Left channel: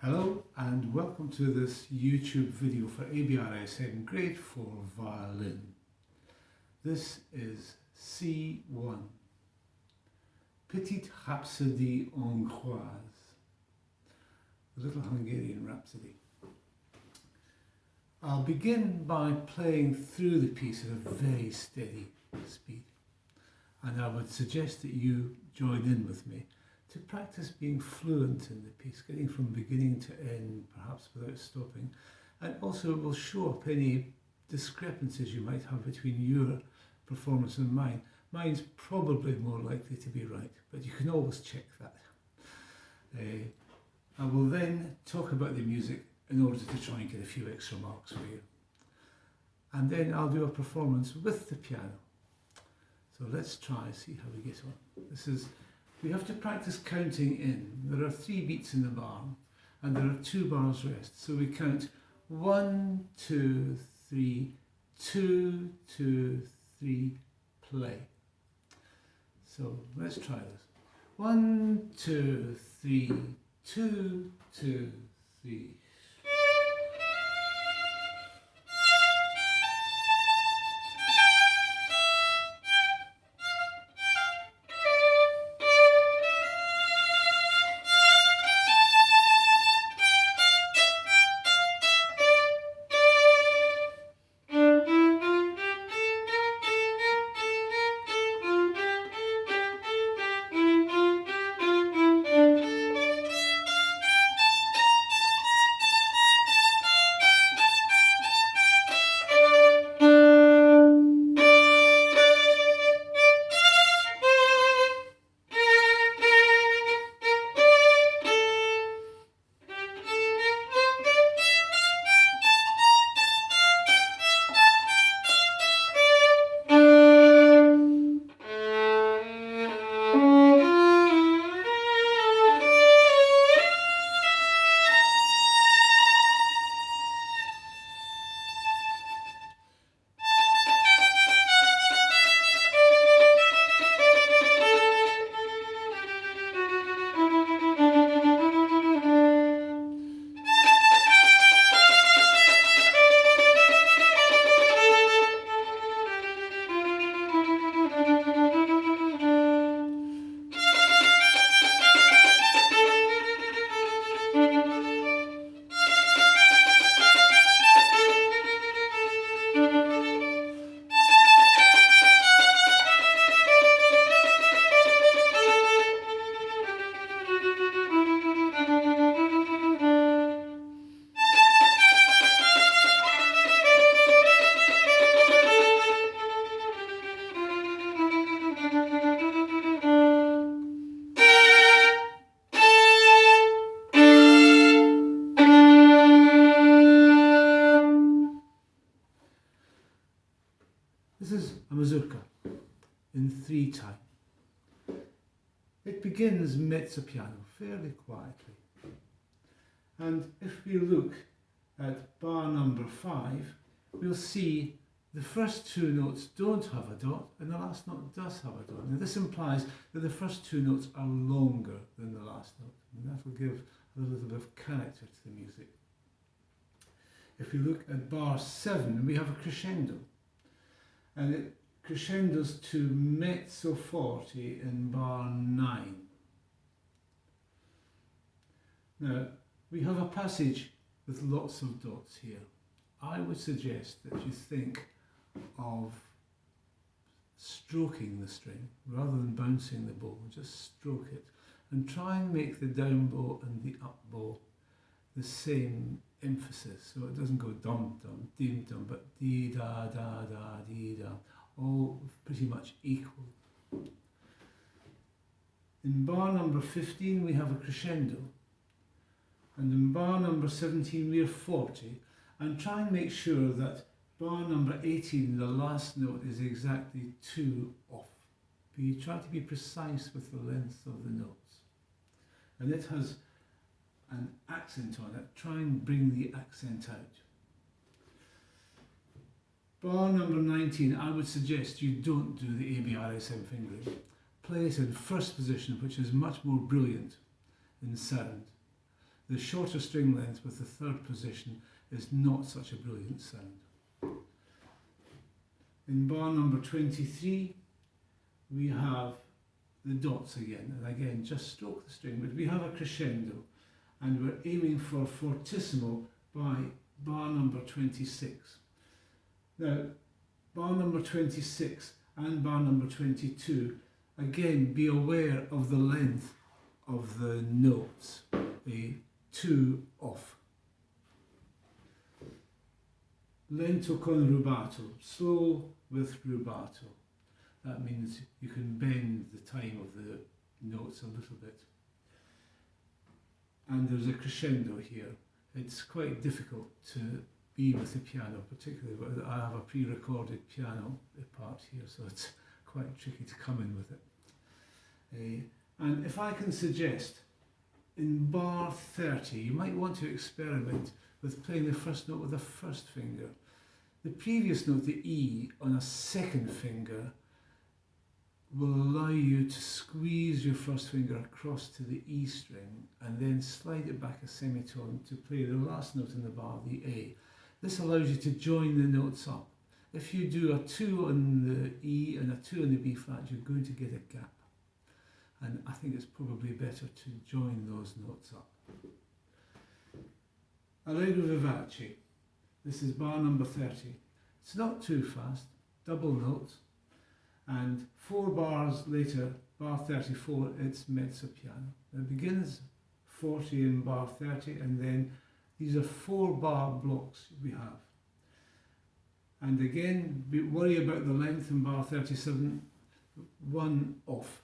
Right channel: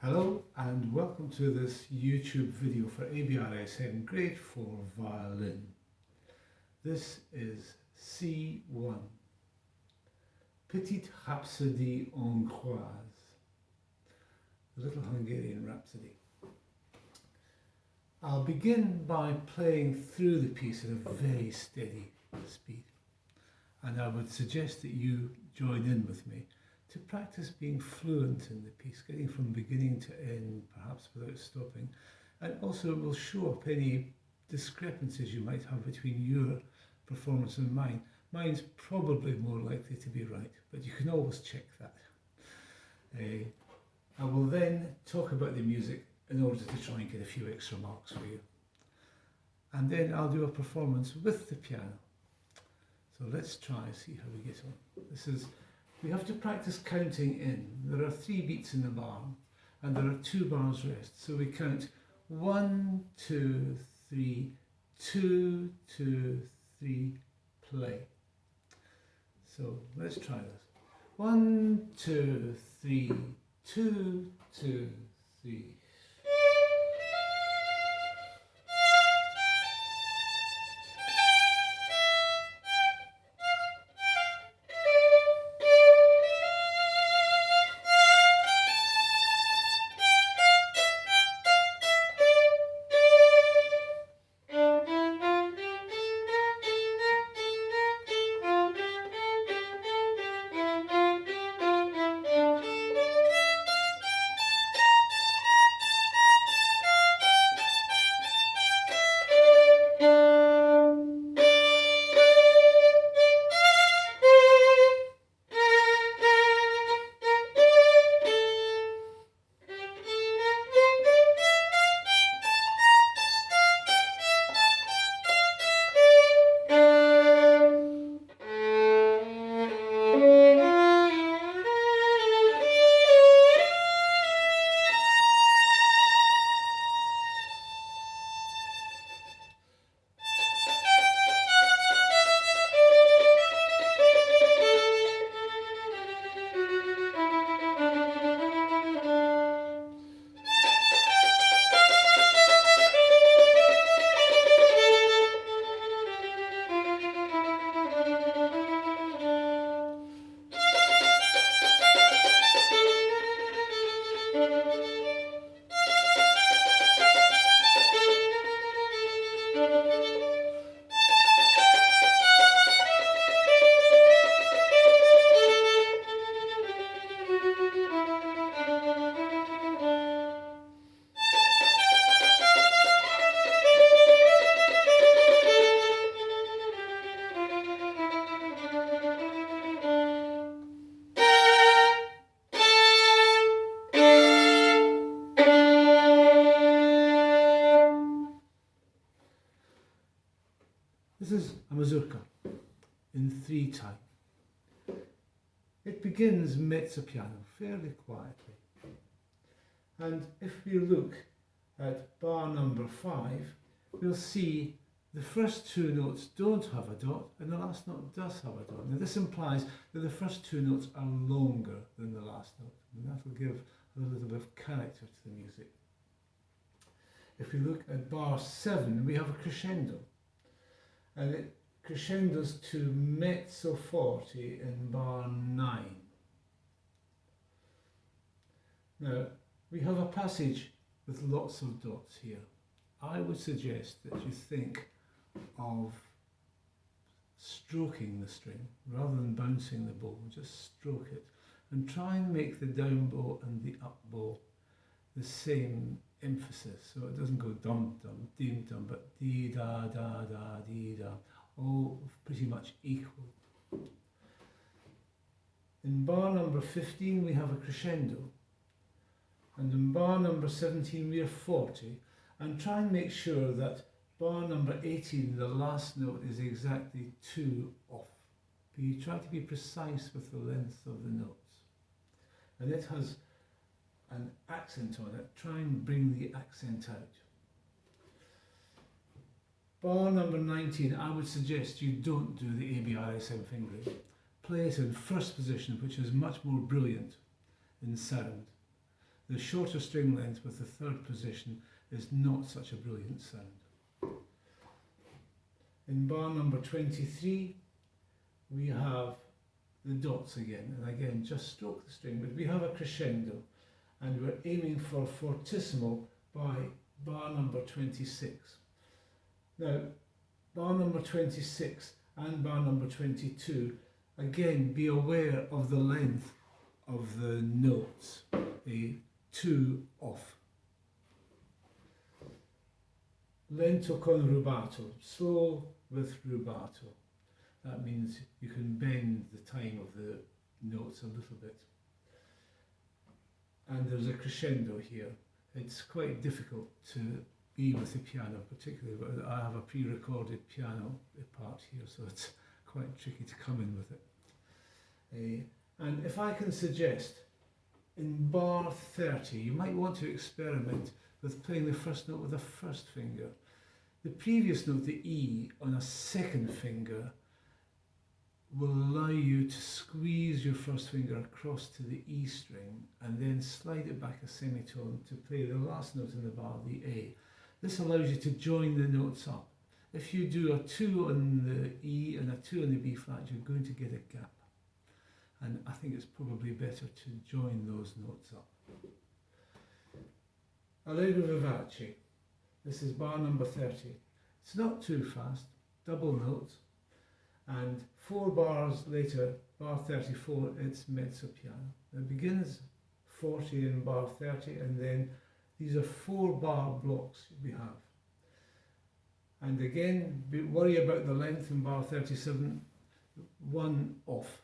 Hello and welcome to this YouTube video for Abrsm Grade 4 Violin. This is C1, Petite Rhapsodie Hongroise, a little Hungarian rhapsody. I'll begin by playing through the piece at a very steady speed, and I would suggest that you join in with me to practice being fluent in the piece, getting from beginning to end, perhaps without stopping. And also it will show up any discrepancies you might have between your performance and mine. Mine's probably more likely to be right, but you can always check that. I will then talk about the music in order to try and get a few extra marks for you. And then I'll do a performance with the piano. So let's try, see how we get on. We have to practice counting in. There are 3 beats in the bar and there are 2 bars rest. So we count 1, 2, 3, 2, 2, 3, play. So let's try this. 1, 2, 3, 2, 2, 3. This is a mazurka in 3 time. It begins mezzo piano, fairly quietly. And if we look at bar number 5, we'll see the first 2 notes don't have a dot and the last note does have a dot. Now this implies that the first 2 notes are longer than the last note, and that will give a little bit of character to the music. If we look at bar 7, we have a crescendo. And it crescendos to mezzo forte in bar 9. Now, we have a passage with lots of dots here. I would suggest that you think of stroking the string rather than bouncing the bow. Just stroke it and try and make the down bow and the up bow the same emphasis, so it doesn't go dum dum dim dum, but dee da da da dee da, all pretty much equal. In bar number 15 we have a crescendo, and in bar number 17 we are 40, and try and make sure that bar number 18, the last note, is exactly 2 off. But you try to be precise with the length of the notes, and it has an accent on it. Try and bring the accent out. Bar number 19, I would suggest you don't do the Abrsm fingering. Play it in first position, which is much more brilliant in sound. the shorter string length with the third position is not such a brilliant sound. In bar number 23, we have the dots again, and again just stroke the string, but we have a crescendo, and we're aiming for fortissimo by bar number 26. Now, bar number 26 and bar number 22, again be aware of the length of the notes, a 2 off. Lento con rubato, slow with rubato. That means you can bend the time of the notes a little bit. And there's a crescendo here. It's quite difficult to be with the piano, particularly, but I have a pre-recorded piano part here, so it's quite tricky to come in with it. And if I can suggest, in bar 30, you might want to experiment with playing the first note with the first finger. The previous note, the E, on a second finger will allow you to squeeze your first finger across to the E string and then slide it back a semitone to play the last note in the bar, the A. This allows you to join the notes up. If you do a 2 on the E and a 2 on the B flat, you're going to get a gap. And I think it's probably better to join those notes up. Allegro vivace. This is bar number 30. It's not too fast, double notes. And 4 bars later, bar 34, it's mezzo piano. It begins 40 in bar 30, and then these are 4 bar blocks we have. And again, worry about the length in bar 37, 1 off.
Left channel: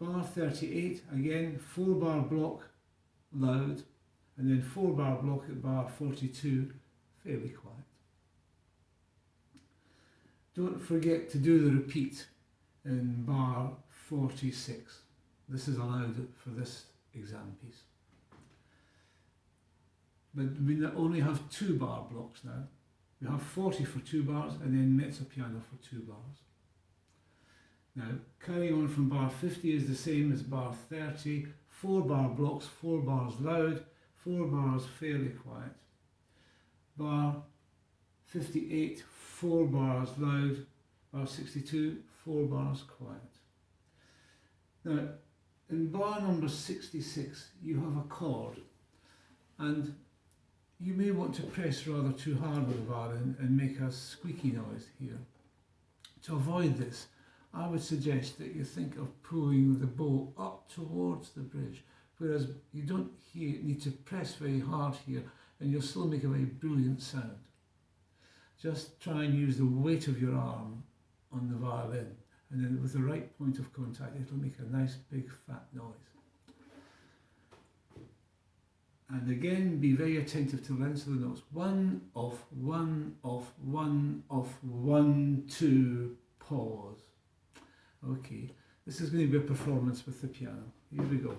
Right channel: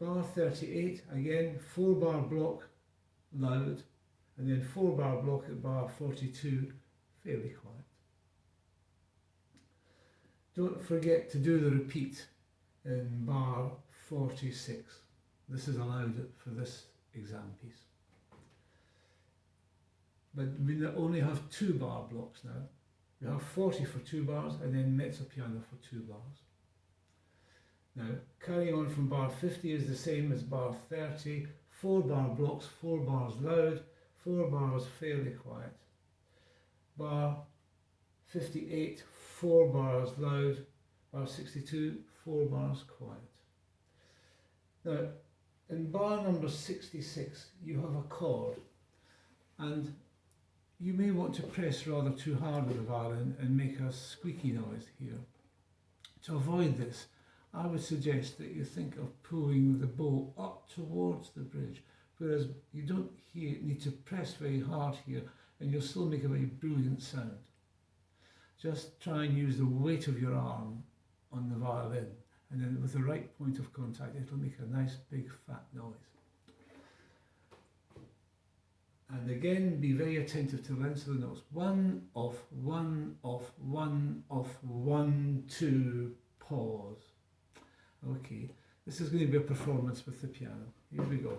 Bar 38, again, 4 bar block, loud, and then 4 bar block at bar 42, fairly quiet. Don't forget to do the repeat in bar 46. This is allowed for this exam piece. But we only have 2 bar blocks now. We have 40 for 2 bars and then mezzo piano for 2 bars. Now, carrying on from bar 50 is the same as bar 30. 4 bar blocks, 4 bars loud, 4 bars fairly quiet. Bar 58, 4 bars loud. Bar 62, 4 bars quiet. Now, in bar number 66, you have a chord, and you may want to press rather too hard with the violin and make a squeaky noise here. To avoid this, I would suggest that you think of pulling the bow up towards the bridge, whereas you don't need to press very hard here, and you'll still make a very brilliant sound. Just try and use the weight of your arm on the violin, and then with the right point of contact, it'll make a nice big fat noise. And again, be very attentive to the length of the notes. 1 off, 1 off, 1 off, 1, 2, pause. Okay, this is going to be a performance with the piano. Here we go.